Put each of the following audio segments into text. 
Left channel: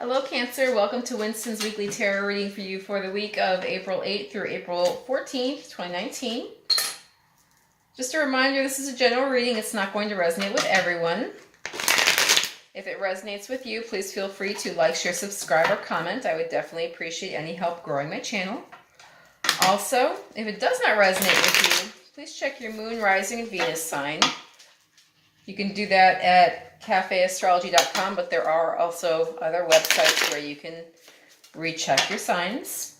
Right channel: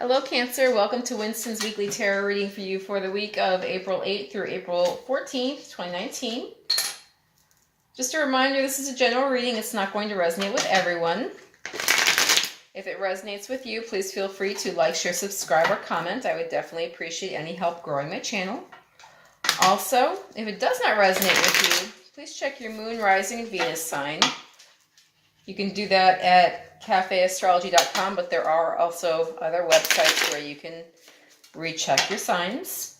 Hello Cancer, welcome to Winston's Weekly Tarot reading for you for the week of April 8th through April 14th, 2019. Just a reminder, this is a general reading. It's not going to resonate with everyone. If it resonates with you, please feel free to like, share, subscribe, or comment. I would definitely appreciate any help growing my channel. Also, if it does not resonate with you, please check your moon, rising, and Venus sign. You can do that at cafeastrology.com, but there are also other websites where you can recheck your signs.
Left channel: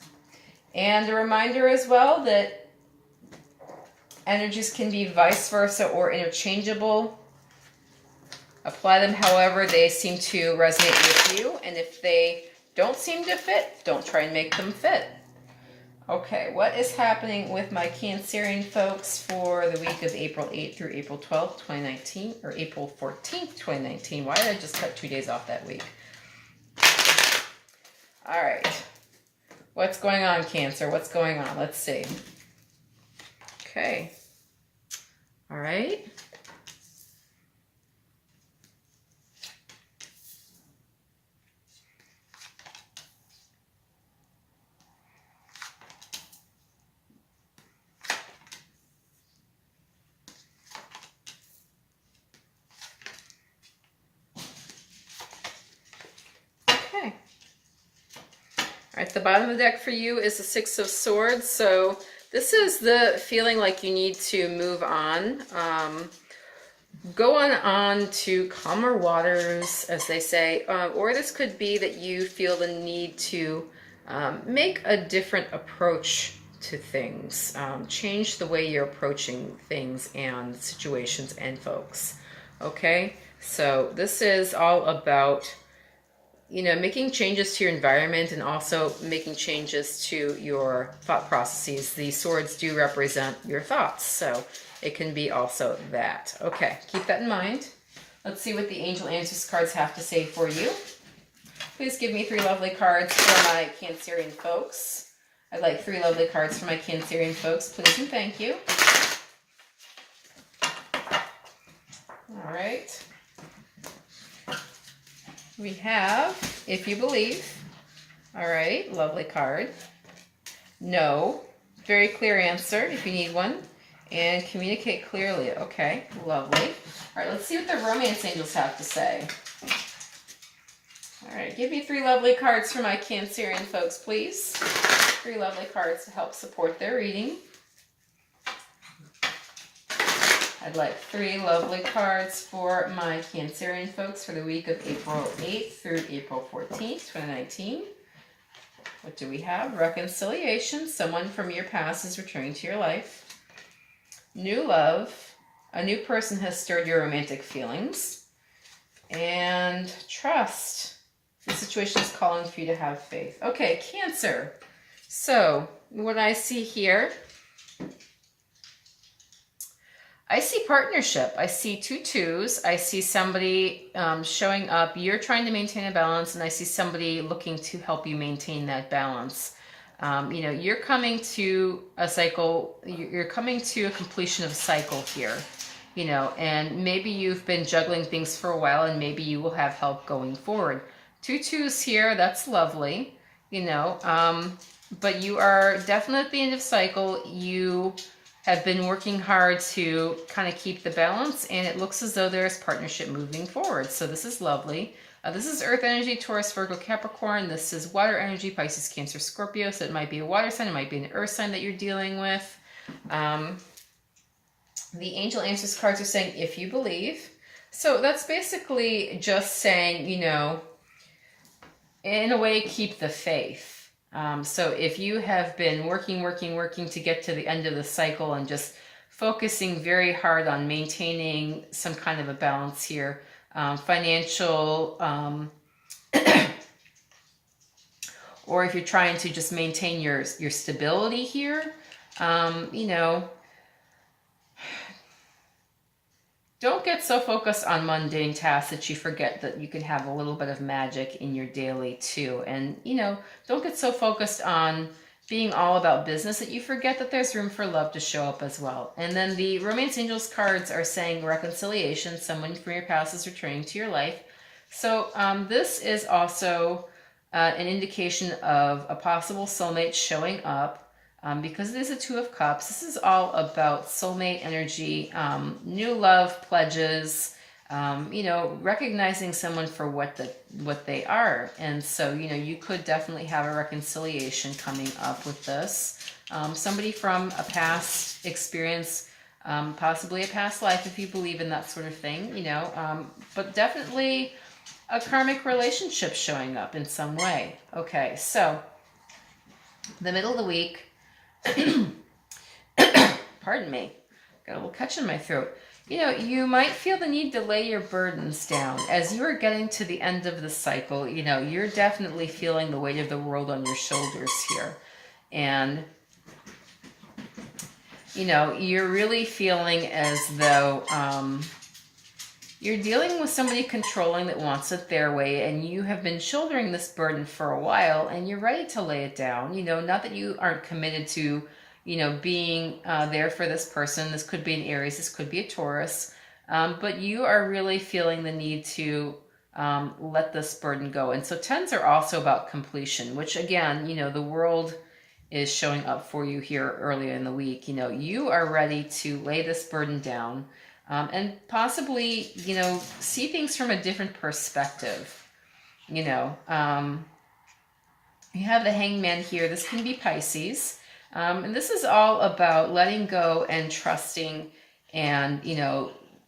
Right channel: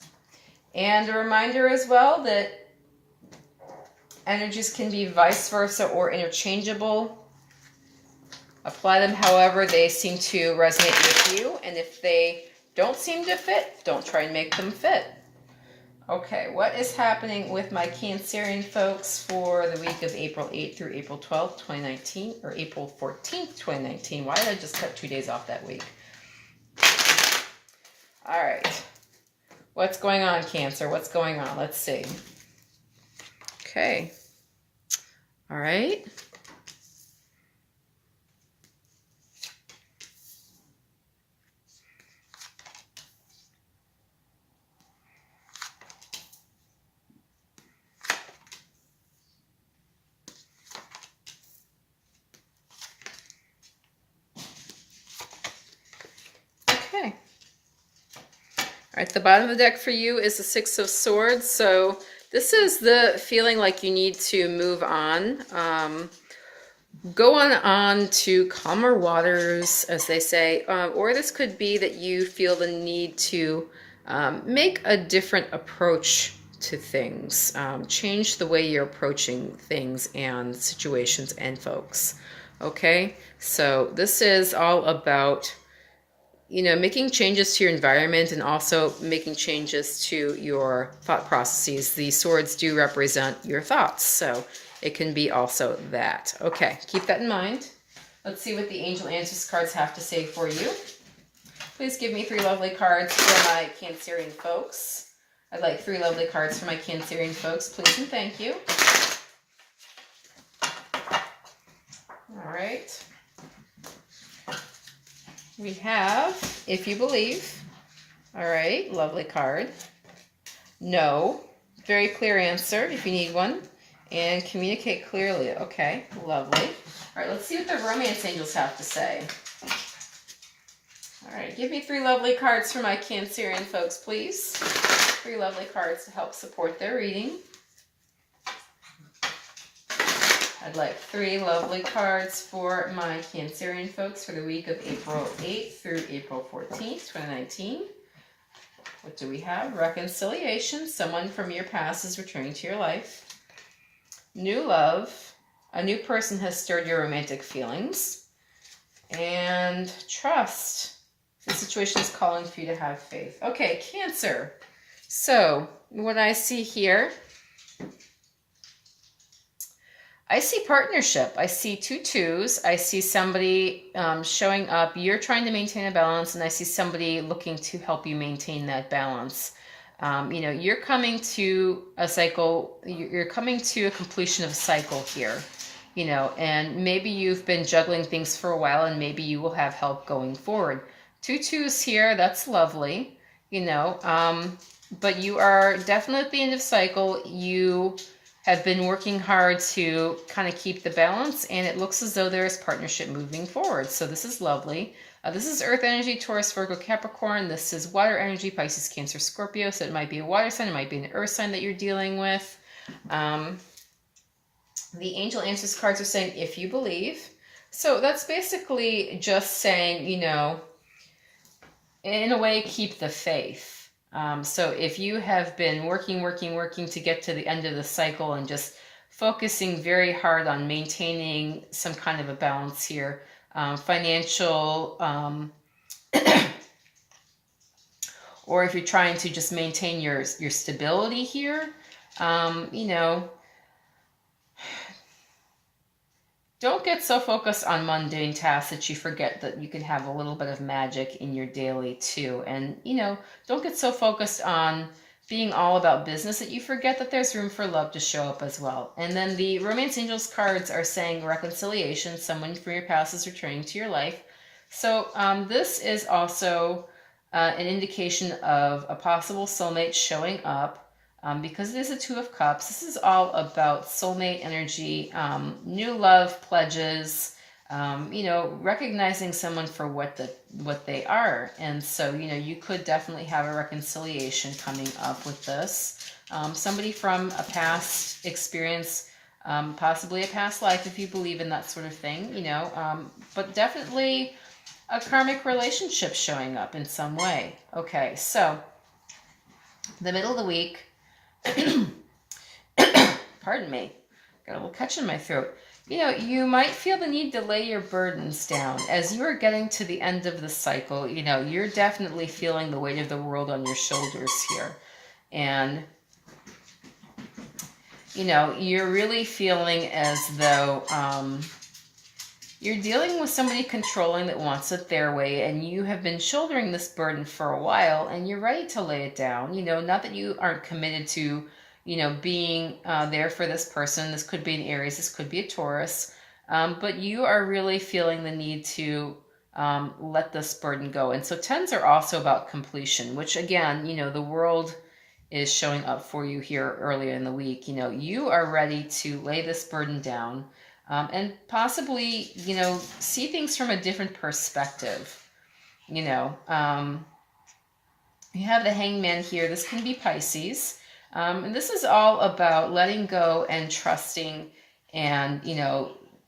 And a reminder as well that energies can be vice versa or interchangeable. Apply them however they seem to resonate with you, and if they don't seem to fit, don't try and make them fit. Okay, what is happening with my Cancerian folks for the week of April 8th through April 12th, 2019, or April 14th, 2019? Why did I just cut 2 days off that week? All right. What's going on, Cancer? What's going on? Let's see. Okay. All right. Okay. All right, the bottom of the deck for you is the Six of Swords. So this is the feeling like you need to move on. Go on to calmer waters, as they say. Or this could be that you feel the need to make a different approach to things. Change the way you're approaching things and situations and folks. Okay? So this is all about making changes to your environment and also making changes to your thought processes. The swords do represent your thoughts, so it can be also that. Okay, keep that in mind. Let's see what the Angel Answers cards have to say for you. Please give me 3 lovely cards for my Cancerian folks. I'd like 3 lovely cards for my Cancerian folks, please and thank you. All right. We have, if you believe. All right, lovely card. No, very clear answer if you need one. And communicate clearly. Okay, lovely. All right, let's see what the Romance Angels have to say. All right, give me 3 lovely cards for my Cancerian folks, please. 3 lovely cards to help support their reading. I'd like 3 lovely cards for my Cancerian folks for the week of April 8th through April 14th, 2019. What do we have? Reconciliation. Someone from your past is returning to your life. New love. A new person has stirred your romantic feelings. And trust. The situation is calling for you to have faith. Okay, Cancer. So, what I see here, I see partnership. I see 2 2s. I see somebody showing up. You're trying to maintain a balance, and I see somebody looking to help you maintain that balance. You're coming to a cycle. You're coming to a completion of a cycle here, and maybe you've been juggling things for a while, and maybe you will have help going forward. 2 2s here. That's lovely, but you are definitely at the end of cycle. You have been working hard to kind of keep the balance, and it looks as though there's partnership moving forward. So this is lovely. This is Earth energy, Taurus, Virgo, Capricorn. This is water energy, Pisces, Cancer, Scorpio. So it might be a water sign, it might be an earth sign that you're dealing with. The Angel Answers cards are saying, if you believe. So that's basically just saying, in a way, keep the faith. So if you have been working to get to the end of the cycle and just focusing very hard on maintaining some kind of a balance here, financial, or if you're trying to just maintain your stability here, don't get so focused on mundane tasks that you forget that you can have a little bit of magic in your daily too. And, don't get so focused on being all about business that you forget that there's room for love to show up as well. And then the Romance Angels cards are saying reconciliation. Someone from your past is returning to your life. So this is also an indication of a possible soulmate showing up because it is a Two of Cups. This is all about soulmate energy, new love pledges, recognizing someone for what they are. And so, you could definitely have a reconciliation coming up with this. Somebody from a past experience, possibly a past life if you believe in that sort of thing, but definitely a karmic relationship showing up in some way. Okay, so the middle of the week, pardon me, got a little catch in my throat. You might feel the need to lay your burdens down. As you are getting to the end of the cycle, you're definitely feeling the weight of the world on your shoulders here. And, you're really feeling as though you're dealing with somebody controlling that wants it their way, and you have been shouldering this burden for a while, and you're ready to lay it down. Not that you aren't committed to, being there for this person. This could be an Aries, this could be a Taurus, but you are really feeling the need to let this burden go. And so 10s are also about completion, which again, the world is showing up for you here earlier in the week. You are ready to lay this burden down. And possibly, see things from a different perspective. You have the Hangman here. This can be Pisces. And this is all about letting go and trusting and,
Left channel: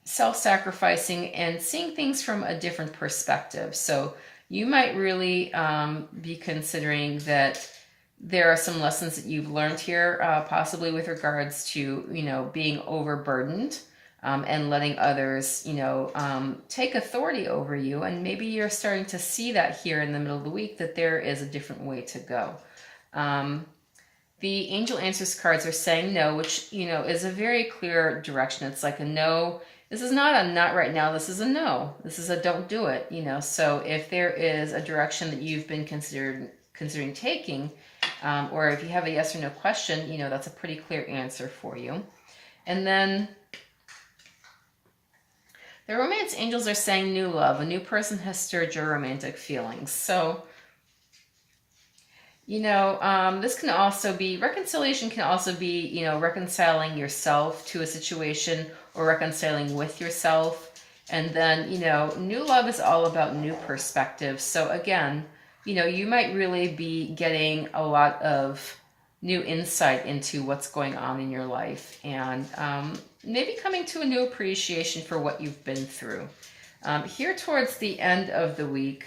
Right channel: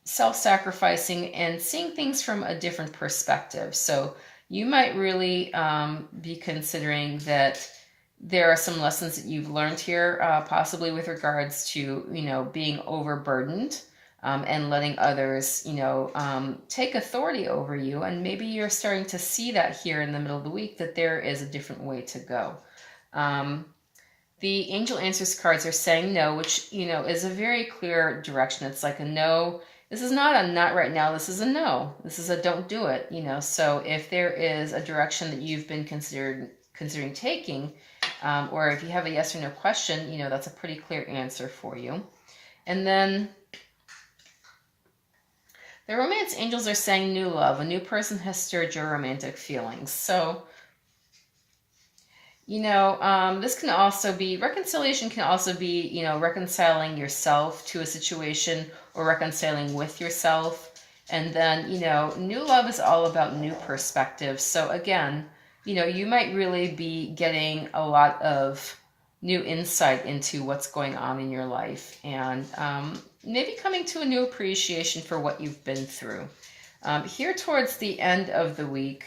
self-sacrificing and seeing things from a different perspective. So you might really be considering that there are some lessons that you've learned here, possibly with regards to, being overburdened. And letting others, take authority over you. And maybe you're starting to see that here in the middle of the week, that there is a different way to go. The Angel Answers cards are saying no, which, is a very clear direction. It's like a no. This is not a not right now. This is a no. This is a don't do it, So if there is a direction that you've been considering taking, or if you have a yes or no question, that's a pretty clear answer for you. And then the romance angels are saying new love. A new person has stirred your romantic feelings. So, this can also be, reconciliation can also be, reconciling yourself to a situation or reconciling with yourself. And then, new love is all about new perspectives. So again, you might really be getting a lot of new insight into what's going on in your life. And, maybe coming to a new appreciation for what you've been through. Here towards the end of the week,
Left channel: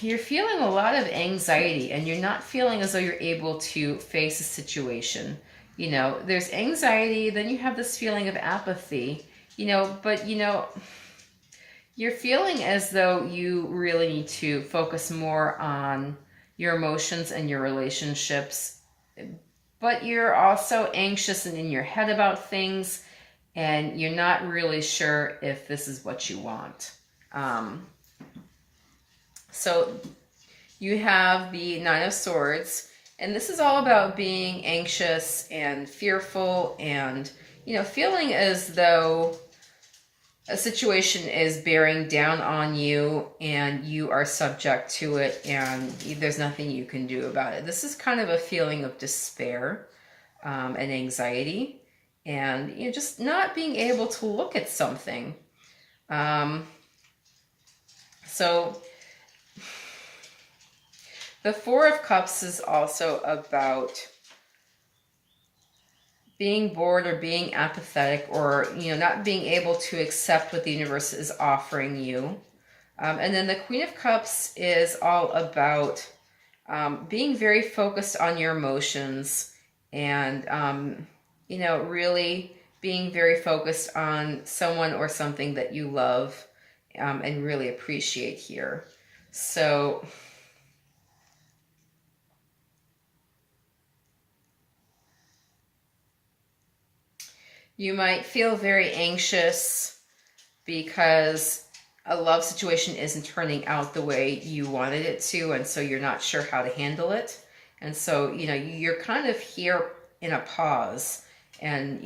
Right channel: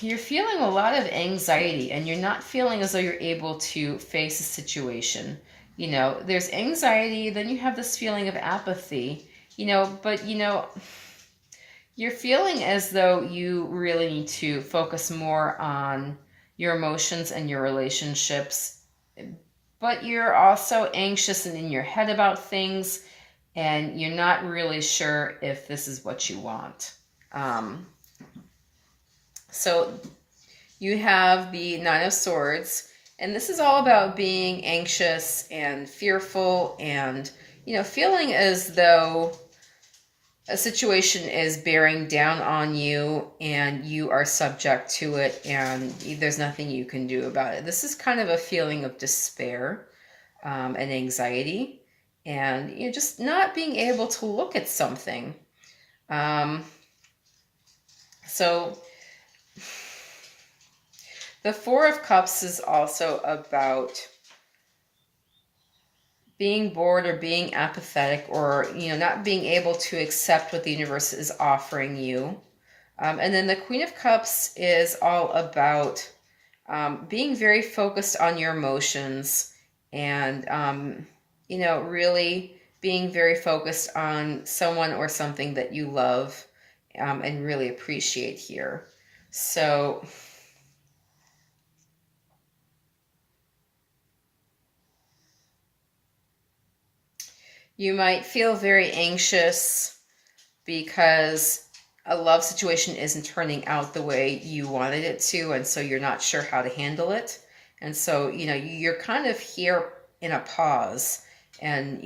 you're feeling a lot of anxiety and you're not feeling as though you're able to face a situation. There's anxiety, then you have this feeling of apathy, but you're feeling as though you really need to focus more on your emotions and your relationships. But you're also anxious and in your head about things, and you're not really sure if this is what you want. So you have the Nine of Swords, and this is all about being anxious and fearful and, feeling as though a situation is bearing down on you and you are subject to it and there's nothing you can do about it. This is kind of a feeling of despair and anxiety and just not being able to look at something. So the Four of Cups is also about being bored or being apathetic or, not being able to accept what the universe is offering you. And then the Queen of Cups is all about being very focused on your emotions and, really being very focused on someone or something that you love and really appreciate here. So you might feel very anxious because a love situation isn't turning out the way you wanted it to, and so you're not sure how to handle it. And so, you're kind of here in a pause, and,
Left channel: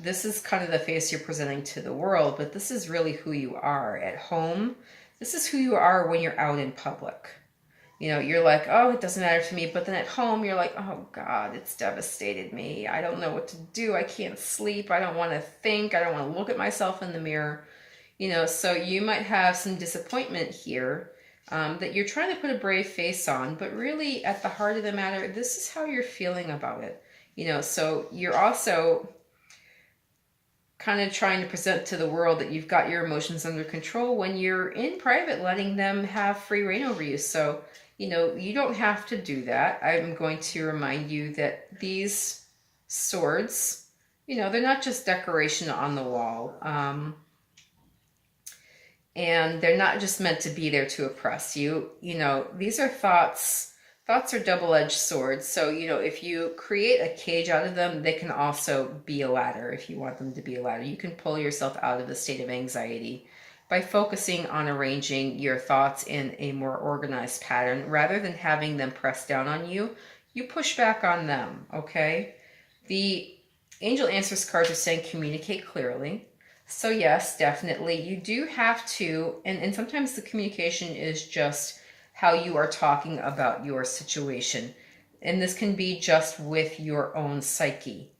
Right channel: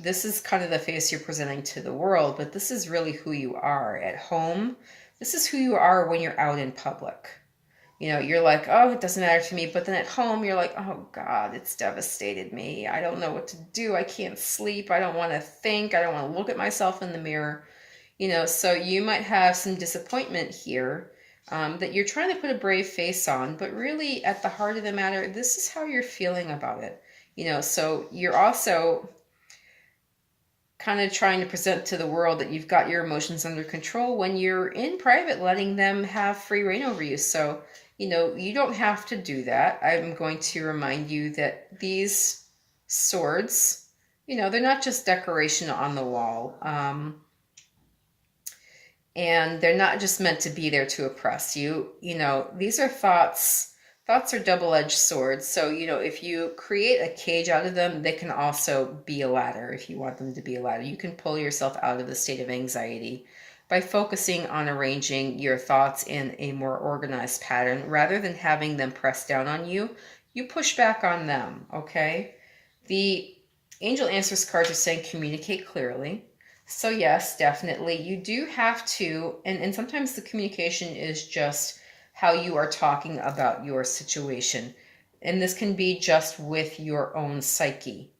this is kind of the face you're presenting to the world, but this is really who you are at home. This is who you are when you're out in public. You're like, oh, it doesn't matter to me. But then at home, you're like, oh, God, it's devastated me. I don't know what to do. I can't sleep. I don't want to think. I don't want to look at myself in the mirror. So you might have some disappointment here that you're trying to put a brave face on. But really, at the heart of the matter, this is how you're feeling about it. So you're also kind of trying to present to the world that you've got your emotions under control when you're in private, letting them have free reign over you. So, you don't have to do that. I'm going to remind you that these swords, they're not just decoration on the wall. And they're not just meant to be there to oppress you. These are thoughts. Thoughts are double-edged swords. So, if you create a cage out of them, they can also be a ladder if you want them to be a ladder. You can pull yourself out of the state of anxiety by focusing on arranging your thoughts in a more organized pattern. Rather than having them press down on you, you push back on them, okay? The Angel Answers cards are saying communicate clearly. So yes, definitely, you do have to, and sometimes the communication is just how you are talking about your situation. And this can be just with your own psyche,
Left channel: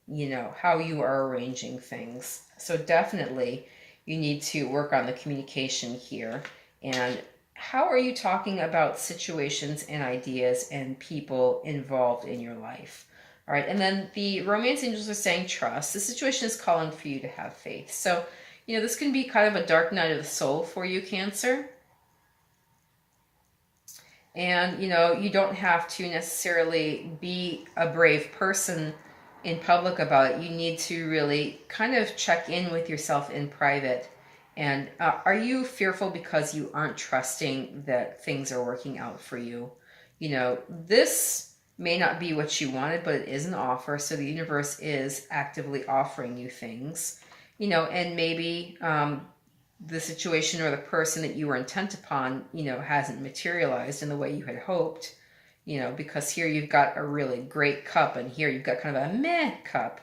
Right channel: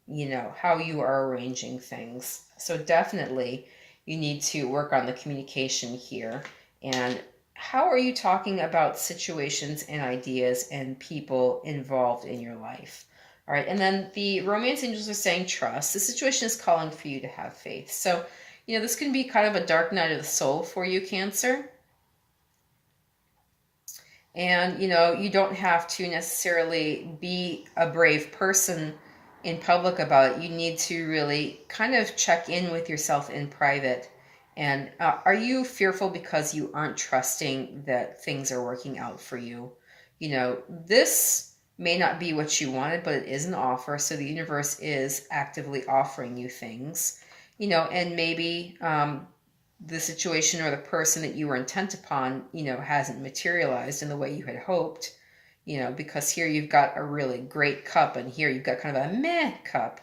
how you are arranging things. So definitely you need to work on the communication here. And how are you talking about situations and ideas and people involved in your life? All right, and then the romance angels are saying trust. The situation is calling for you to have faith. So, this can be kind of a dark night of the soul for you, Cancer. And, you don't have to necessarily be a brave person in public about it. You need to really kind of check in with yourself in private. And are you fearful because you aren't trusting that things are working out for you? This may not be what you wanted, but it is an offer. So the universe is actively offering you things, and maybe the situation or the person that you were intent upon, hasn't materialized in the way you had hoped, because here you've got a really great cup and here you've got kind of a meh cup,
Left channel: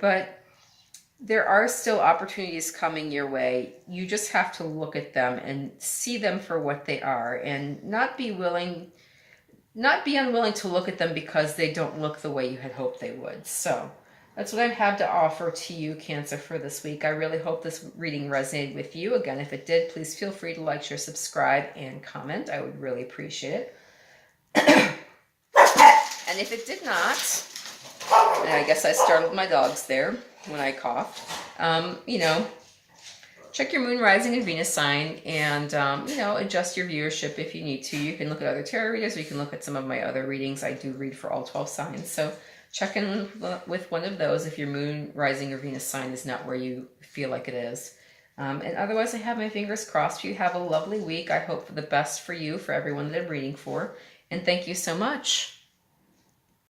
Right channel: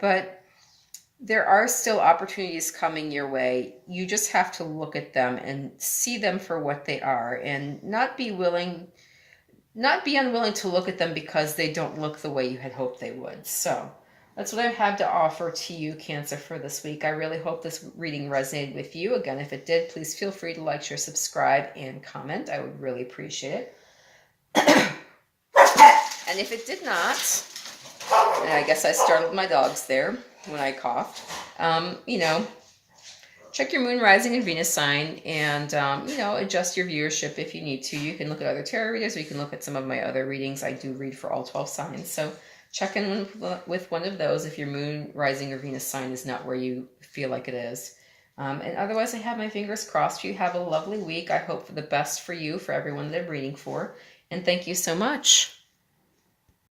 but there are still opportunities coming your way. You just have to look at them and see them for what they are and not be unwilling to look at them because they don't look the way you had hoped they would. So that's what I have to offer to you, Cancer, for this week. I really hope this reading resonated with you. Again, if it did, please feel free to like, share, subscribe, and comment. I would really appreciate it. And if it did not, I guess I startled my dogs there when I coughed. Check your moon, rising, and Venus sign and, adjust your viewership if you need to. You can look at other tarot readers, or you can look at some of my other readings. I do read for all 12 signs. So check in with one of those if your moon, rising, or Venus sign is not where you feel like it is. And otherwise, I have my fingers crossed for you. Have a lovely week. I hope for the best for you, for everyone that I'm reading for. And thank you so much.